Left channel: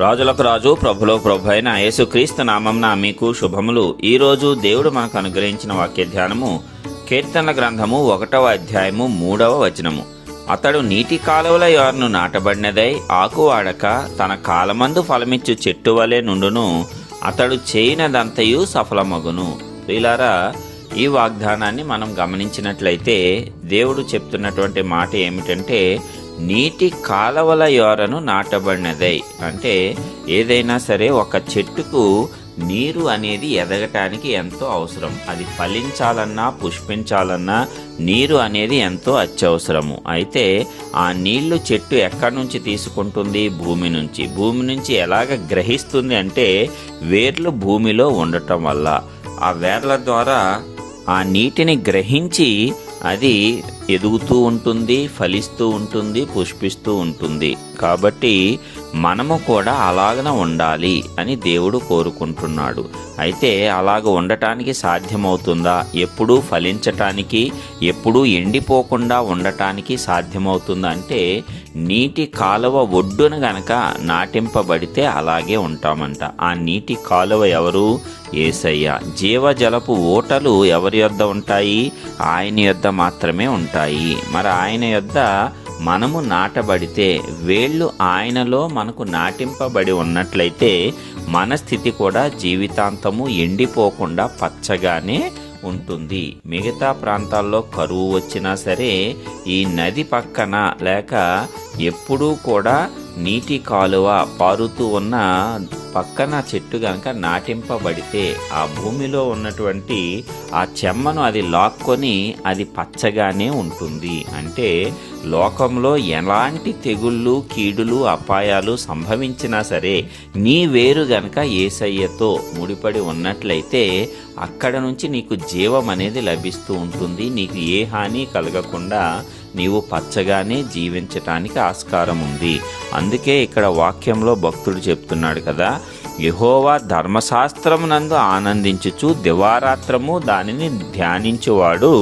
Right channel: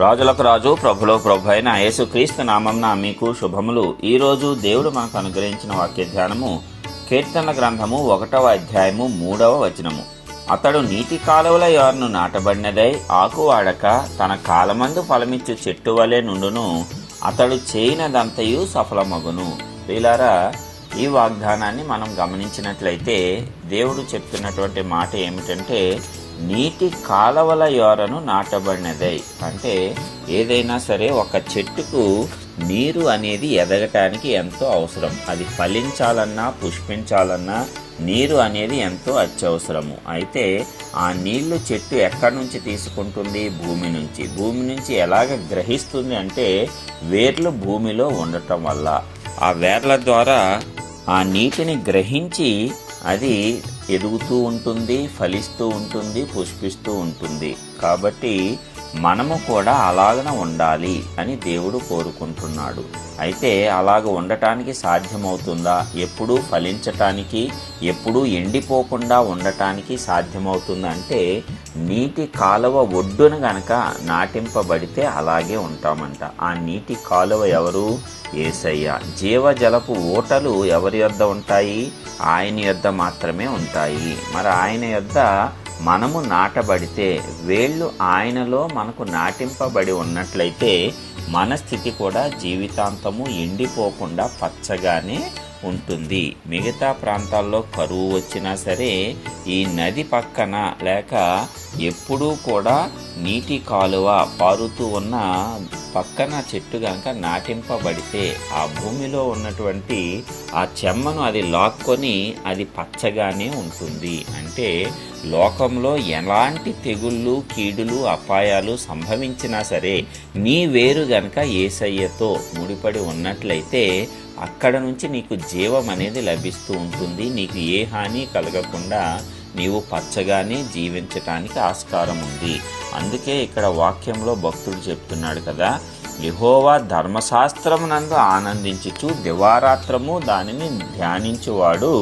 రాజులకు రాజు ప్రభులో ప్రభు అయిన యేసుక్రీస్తు నామంన మీకు శుభములు. ఈరోజు దేవుడు మనకు అనుగ్రహించిన వాక్య ధ్యానము కీర్తనల గ్రంథము ఒకటవ అధ్యాయము మూడవ వచనము. అతడు నీటి కాలువల యోర్ను నాటబడినదై ఆకు వాడక తన కాలమందు ఫలమిచ్చు చెట్టు వలె నుండును. అతడు చేయనదంతయు సఫలమగును. ప్రియులారా ఈ వాగ్దానాన్ని మనం గమనించినట్లయితే దేవుడు చెప్తున్నటువంటి మాట ఏమిటంటే నీటి కాలవల యోరను నాటబడినదై. అంటే ఏదైనా సరే ఒక చెట్టుకు నీరు అనేది ఎదగటానికి ఎంతో అవసరం. అది ఫలించాలన్నా పుష్పించాలన్నా నీరు అనేది ఎంతో అత్యవసరము. అయితే ఆ నీళ్ళు చెట్టు ఎక్కడి నుంచి తీసుకుంటుంది? భూమి నుంచి. భూమి నుంచి ఎలాగ గ్రహిస్తుంది అంటే వేర్లు భూమిలో ఉండటం వల్ల. ఆ వేర్ల ద్వారా ఆ నీటిని గ్రహించి అది ఎదుగుతూ ఉంటుంది ఫలిస్తూ ఉంటుంది పుష్పిస్తూ ఉంటుంది. కాబట్టి మనము కూడా అలాగన ఉండాలి అని దేవుడు కోరుకుంటున్నాడు. అయితే అలాగ ఉండటానికి సాధ్యమవుతుందా? ఎప్పుడూ ఫలించటానికి ఎప్పుడూ ఎండిపోకుండా ఉండటానికి సాధ్యమవుతుందా అంటే నీటి కాలువ ఒడ్డున గనక నాటింపబడితే అలాగే ఉంటామంట. ఆ నీటి కాలువ ఎవరు? ఏసయ్య. జీవజలపు ఓటలు ఎవరి యొద్ద ఉంటాయి? ఆయన యొద్ద మాత్రమే ఉంటాయి. మరి ఆయన యొద్ద మనము నాటబడితే వేళ్ళు ఆయనలో మనకు నాటింపబడి ఉన్నట్లయితే మన స్థితి కూడా జీవితాంతము ఎండిపోకుండా పచ్చగానే ఉంటుంది. మిగతా ప్రాంతాల్లో కరువు వచ్చినా సరే ఈ నది పక్కన లేక ఎప్పుడూ కూడా నీటి కాలువ పారుతూ ఉన్న పక్కన చెట్టు గనక నాటింపబడితే ఆ భూమిలో ఉన్నటువంటి ఆ చెమ్మను అది లాక్కొని అది పచ్చగానే ఉంటుంది. అంటే లోకంలో ఎలాంటి తెగుళ్ళు కీడులు అపాయాలు సంభవించినా సరే నీ వేరు గనక ఏసయ్యతో ముడిపడి ఉన్నట్లయితే అక్కడ నుంచి నీకు జీవం అనేది లభిస్తూ ఉంటుంది. నీకు ఏ హాని కలగకుండా నీవు పచ్చగానే జీవించటానికి ఆస్కారం ఉంది. అందుకే ఇక్కడ వాక్యంలో భక్తుడు చెప్తున్నాడు కదా యహోవా ధర్మశాస్త్రమునందు ఆనందించుచు దివారాత్రము దానిని ధ్యానించువాడు.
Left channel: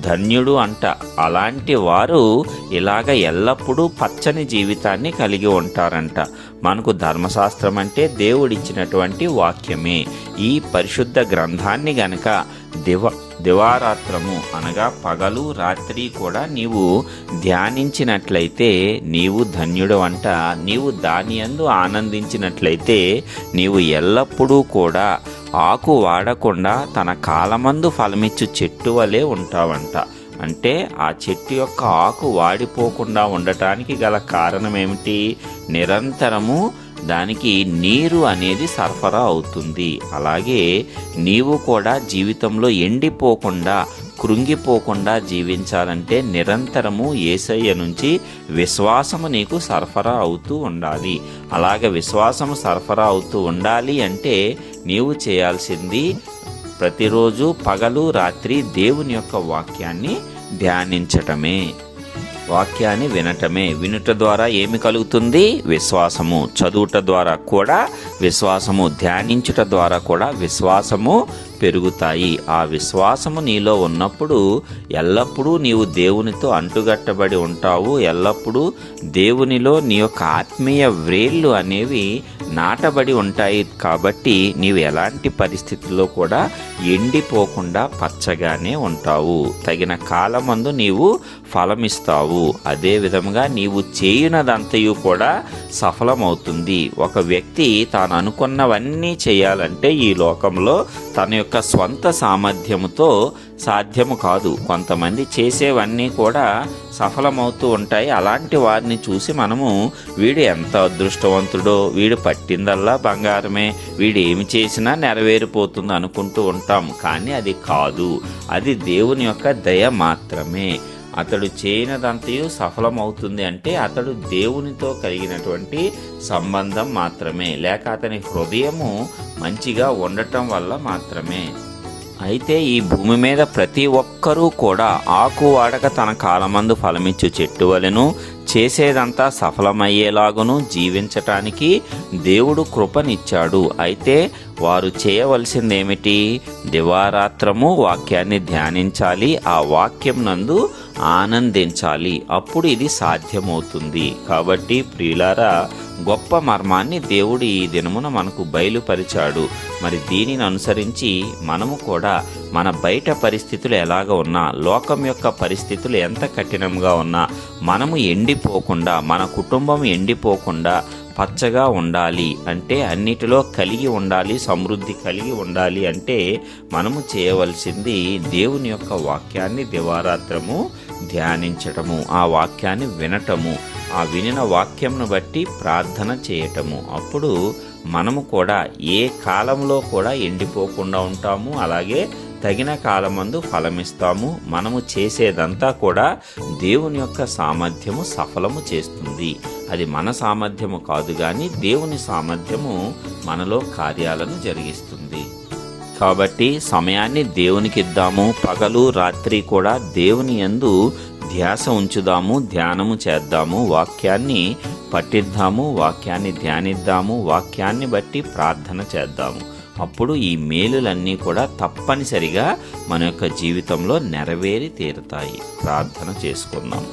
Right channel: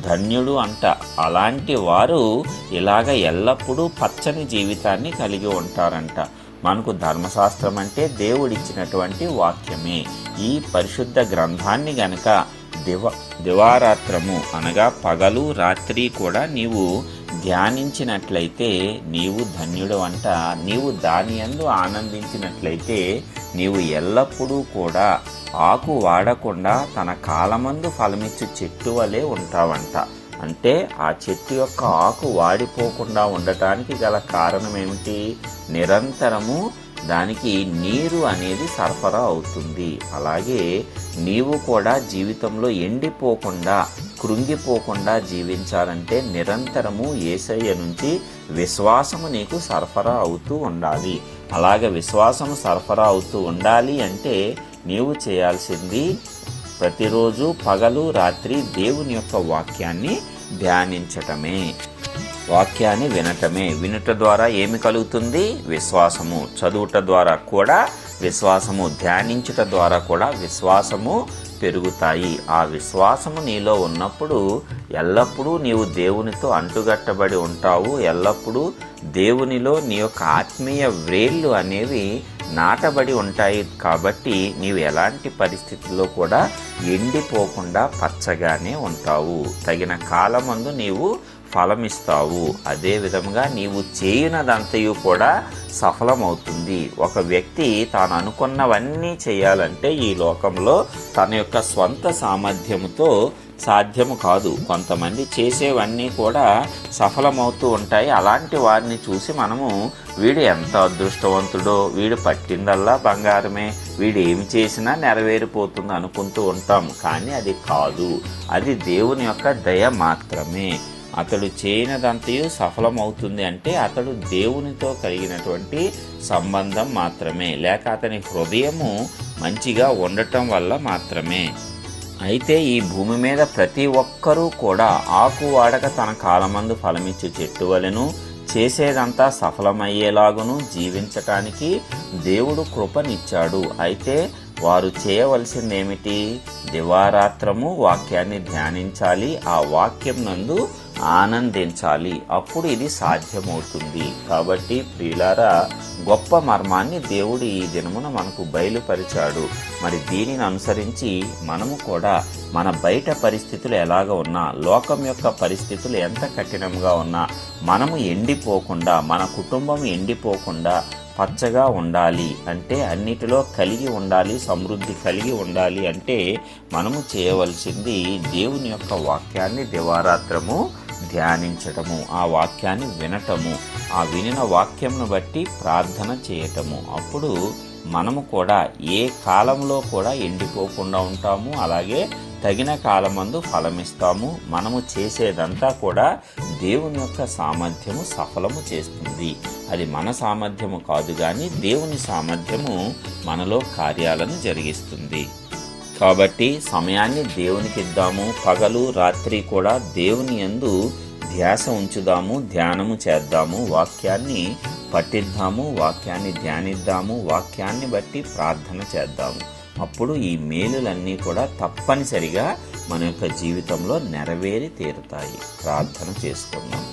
ధన్యుడు అంట. అలాంటి వారు ఇలాగ ఎల్లప్పుడూ పచ్చని జీవితాన్ని కలిగి ఉంటారంట. మనకు ధర్మశాస్త్రం అంటే దేవుడిచ్చినటువంటి వాక్యమే. ఈ పరిశుద్ధ గ్రంథాన్ని గనక దివ దివారాత్రము అనగా పగలు రాత్రి కూడా నీవు ధ్యానించినట్లయితే నీవు ధన్యుడు అంట. నీవు దాని అందు ఆనందించినట్లయితే నీవు ఎల్లప్పుడూ కూడా ఆకు వాడకుండా తన కాలమందు ఫలమిచ్చు చెట్టు వలె ఉంటావంట. అంటే ఆ చెట్టు యొక్క ఆకు వాడిపోకుండా ఉండటానికి గల కారణం ఏమిటి నిరంతరము దానికి నీరు అనేది సరఫరా అవుతుంది. అలాగే నీవు కూడా జీవితంలో ఎండిపోకుండా కృంగిపోకుండా జీవించాలంటే నిరంతరము ఏసయ్య నుంచి విశ్వాసము నీకు సరఫరా అవుతూ ఉండాలి. అలాగ విశ్వాసము సరఫరా అవుతూ ఉండాలి అంటే నీవు చేయాల్సింది ప్రతిరోజు పగలు రాత్రి దేవుని యొక్క వాక్యాన్ని ధ్యానించటమే. వాక్యాన్ని వినటమే. వినుట ద్వారా ఏమి కలుగుతుంది? విశ్వాసము. చదువుట ద్వారా కూడా విశ్వాసము. ధ్యానించుట ద్వారా కూడా విశ్వాసము పెరుగుతాయి. ఆ విశ్వాసము నీలో ఉన్నప్పుడు ఎల్లప్పుడూ నీవు దేవునితో అంటుగట్టబడి ఉంటావు. ఎల్లప్పుడూ దేవునిలో నీ యొక్క ఆత్మీయ వ్రేళ్ళు అనేవి నాటబడి ఉంటాయి. కాబట్టి నీవు ఎలాంటి పరిస్థితుల్లో కూడా ఎండిపోకుండా పచ్చగానే ఉంటావు. తగిన కాలమందు నీవు ఫలమిస్తావు. అదే విధముగా నీవు చేయునదంతయు కూడా సఫలమవుతుంది. ఒక వ్యక్తి తాను అనుకున్నవన్నీ చేయాలంటే ఈ లోకంలో తన యొక్క స్వంత సామర్థ్యముతో సాధ్యము కాదు. కొంతమంది చేసేవన్నీ కూడా సఫలమవుతూ ఉంటాయి. అలాంటి వారిని చూసి మనము వీడు ఎంత అదృష్టవంతుడో వీడు పట్టిందల్లా బంగారమే వీడు ఏమి చేసినా నెరవేరిపోతుంది అనుకుంటూ ఉంటాం. కానీ అది కాదు. అది దేవుని యొక్క దయ మాత్రమే. అతడు చేయనదంతయు సఫలమవుతుంది అంటే అతడు దేవునితో కలిగినటువంటి సంబంధం మాత్రమే. లేక అతని హృదయము మంచిగా ఉండటం వల్ల మాత్రమే. అయితే ఈ భూమి మీద ప్రతి ఒక్కరూ కూడా ఆకు వాడక తన కాలమందు ఫలమిచ్చు చెట్టు వలెను చేసేదంతా సఫలమయ్యేలాగును జీవించటానికి దేవుడు కృపనిచ్చాడు. అయితే వారు చేయవలసిందేమిటి? దివారాత్రము వాక్యాన్ని ధ్యానించాలి ఆ వాక్యం నందు ఆనందించాలి. అప్పుడు ఇది సాధ్యమవుతుంది. కాబట్టి ప్రియులారా గొప్ప మర్మాన్ని దేవుడు ఈ దినమున మనకు బయలుపరిచాడు. మరి దీనిని అనుసరించి మనము కూడా మన బయట పరిస్థితులు ఎలాగ ఉన్నా లోకం యొక్క పరిస్థితులు ఎంత కఠినంగా ఉన్నా మనము ఎండిపోకుండా మన కుటుంబం ఎండిపోకుండా పచ్చగా ఉండాలి అంటే అన్నిటిలో కలిగి ఉండాలి సమృద్ధి కలిగి ఉండాలి అంటే మనము చేయవలసింది దేవుని యొక్క వాక్యాన్ని దివారాత్రము ధ్యానించటము ఆ వాక్యాన్ని వినటము. ఆ వినిన వాక్యంను బట్టి ప్రార్థన చేయటము. అప్పుడు మనము కూడా ఏ కాలంలో కూడా ఎండిపోకుండా ఉంటాము అలాగే తగిన కాలమందు ఫలమిస్తాము. మనము చేసేదంతా కూడా దేవుని యొక్క సామర్థ్యము సఫలము చేస్తుంది. అది మన సామర్థ్యము కాదు కానీ దేవుని సామర్థ్యము మనలో కార్యాలను జరిగిస్తుంది. కాబట్టి సమయాన్ని దేవునికి ఇద్దాము పగలు రాత్రి కూడా దేవుని యందు ధ్యాస ఉంచుదాము ధ్యానము చేద్దాము వాక్యాన్ని పట్టిద్దాము వాక్యాన్ని ధ్యానిద్దాము వాక్యాన్ని బట్టి ప్రార్థన చేద్దాము. అప్పుడు ఈ మేలులన్నీ కూడా తప్పనిసరిగా మన యొక్క జీవితంలో నెరవేరి తీరుతాయి. ప్రార్థన చేసుకుందాం.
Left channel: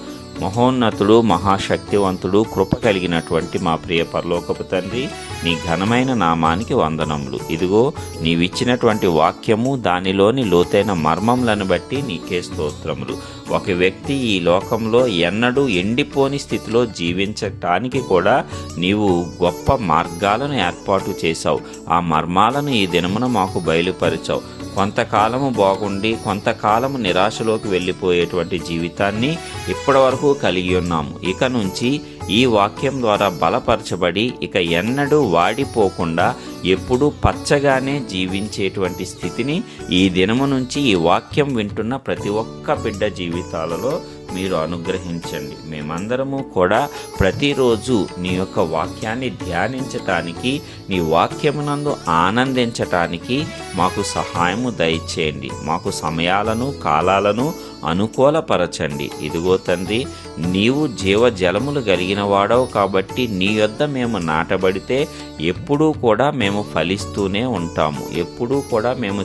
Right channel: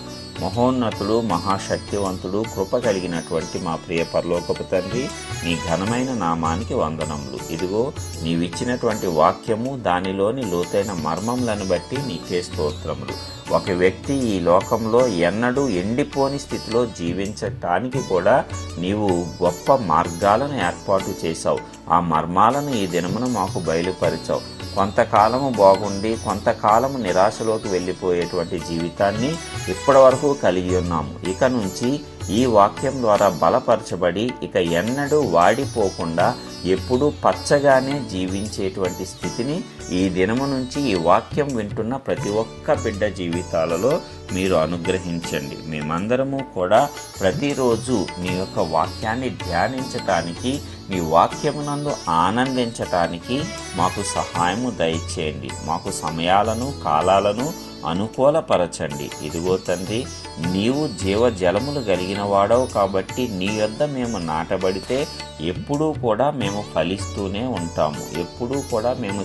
మహోన్నతుడు మహాశక్తివంతుడు కృప కలిగినటువంటి మా ప్రియ పరలోకపు తండ్రి నీ ఘనమైన నామానికి వందనములు. ఇదిగో నీవిచ్చినటువంటి వాక్యము దానిలోని లోతైన మర్మములను బట్టి నీకే స్తోత్రములు. ఒక వ్యక్తి ఈ లోకంలో ఎన్నడూ ఎండిపోని స్థితిలో జీవించటానికి కూడా నీవు గొప్ప మార్గాలను ఏర్పాటు చేశావు. ఆ మర్మాలను ఈ దినమున మాకు బయలుపరిచావు. కొంతకాలము బాగుండి కొంతకాలము నిరాశలోకి వెళ్ళిపోయేటువంటి జీవితాన్ని ఇప్పటి వరకు కలిగి ఉన్నాము. ఇక నుంచి ఈ వాక్యం ద్వారా బలపరచబడి ఇక ఎన్నడూ వాడిపోకుండా ఎప్పుడూ పచ్చగానే జీవించేటువంటి స్థితిని ఈ దినము నుంచి ఈ వాక్యం వింటున్న ప్రతి ఒక్క బిడ్డ జీవితాలలో మీరు అనుగ్రహించండి. మేమందరము కూడా ప్రతిరోజు నీ యొక్క వాక్యాన్ని ధ్యానించటానికి నీ వాక్యమునందు ఆనందించటానికి మాకు సహాయము దయచేయండి. మాకు సమయాలను కాలాలను అనుకూలపరచండి. ఇదిగో తండ్రి నీవు జీవజలములు కలిగిన వాడవు కాబట్టి నీ యొద్ద మేము నాటబడితే ఎప్పుడూ కూడా మేము ఫలిస్తూనే ఉంటాము. ఎప్పుడూ కూడా మేము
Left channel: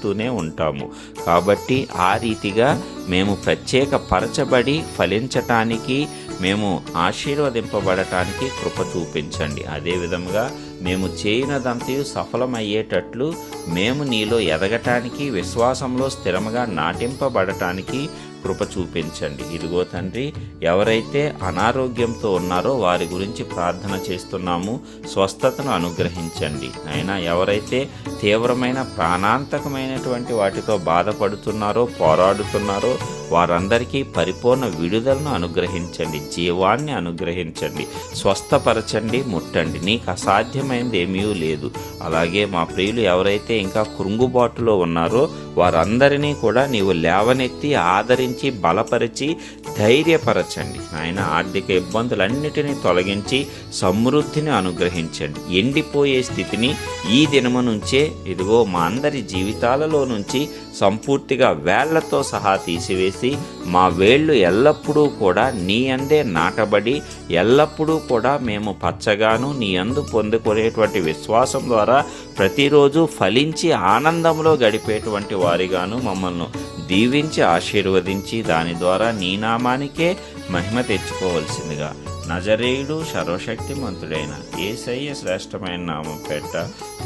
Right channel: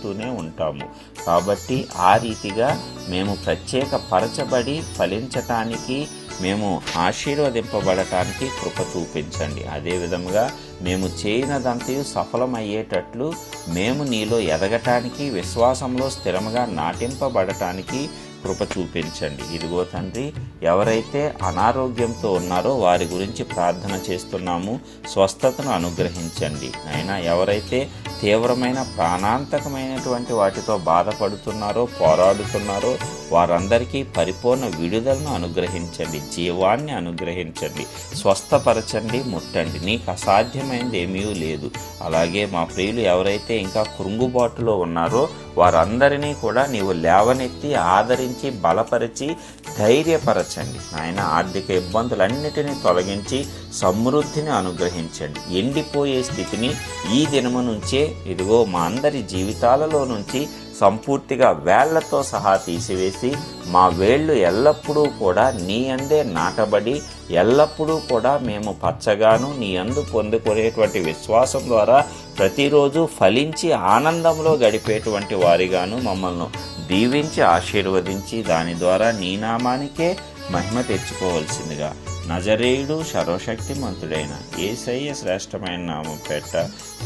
చిగురుస్తూనే ఉంటాము. కాబట్టి ఆ రీతిగా మేము ప్రత్యేక పరచబడి ఫలించటానికి మేము ఆశీర్వదింపబడటానికి కృప చూపించండి. అదేవిధంగా మేము చేయనదంతయు సఫలమయ్యేటట్లు మేము నీలో ఎదగటానికి విశ్వాసంలో స్థిరముగా నాటింపబడటానికి కృప చూపించండి. ఇదిగో తండ్రి ఎవరైతే అనారోగ్యంతో ఉన్నారో వారి గురించి ప్రార్థన చేస్తున్నాము. స్వస్థతను అనుగ్రహించండి. అయినా ఎవరైతే తీవ్రమైన ప్రాణాంతకమైనటువంటి వాటితో బాధపడుతున్నారో పోరాడుతున్నారో వారందరికీ పరిపూర్ణ విడుదలను అనుగ్రహించండి. జీవాన్ని అనుగ్రహించండి. స్వస్థపరచండి ముట్టండి. నీకు అసాధ్యమైనది ఏమీ లేదు. అలాగే మా ప్రియులు ఎవరైతే ఇంకా కృంగుబాటులో ఉన్నారో వారందరినీ కూడా నీవు లేవనెత్తి ఆదరించి బలపరిచి ధైర్యపరచండి. ఆయన ఆర్థిక ఇబ్బందులన్నిటినీ తొలగించి సమృద్ధిని అనుగ్రహించండి. ఎండిపోయే స్థితిని ఈ దినము నుంచే ఇదిగో మా అందరి జీవితాలలో నుంచి సంపూర్తిగా వేళ్ళతో సహా తీసివేసి మా వేళ్ళు ఎల్లప్పుడూ కూడా నీ అందే నాటబడి ఎల్లప్పుడూ కూడా మేము పచ్చగాను నీ అందు పొందుకునేటువంటి విశ్వాసం ద్వారా ప్రతిరోజు ఫలించి ఆనందంలో గడిపేటువంటి వారిగాను మమ్మల్ని దీవించి ఆశీర్వదించి దాని ద్వారా నీ నామానికే మహిమ తెచ్చుకోవలసిందిగా నజరేయుడు సర్వశక్తిమంతుడైన ఏసయ్య శ్రేష్టమైన నామం పెట్ట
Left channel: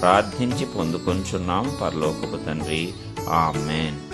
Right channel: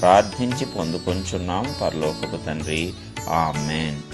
ప్రార్థించి పొందుకొంచున్నాం. పరలోకపు తండ్రి Oh, man.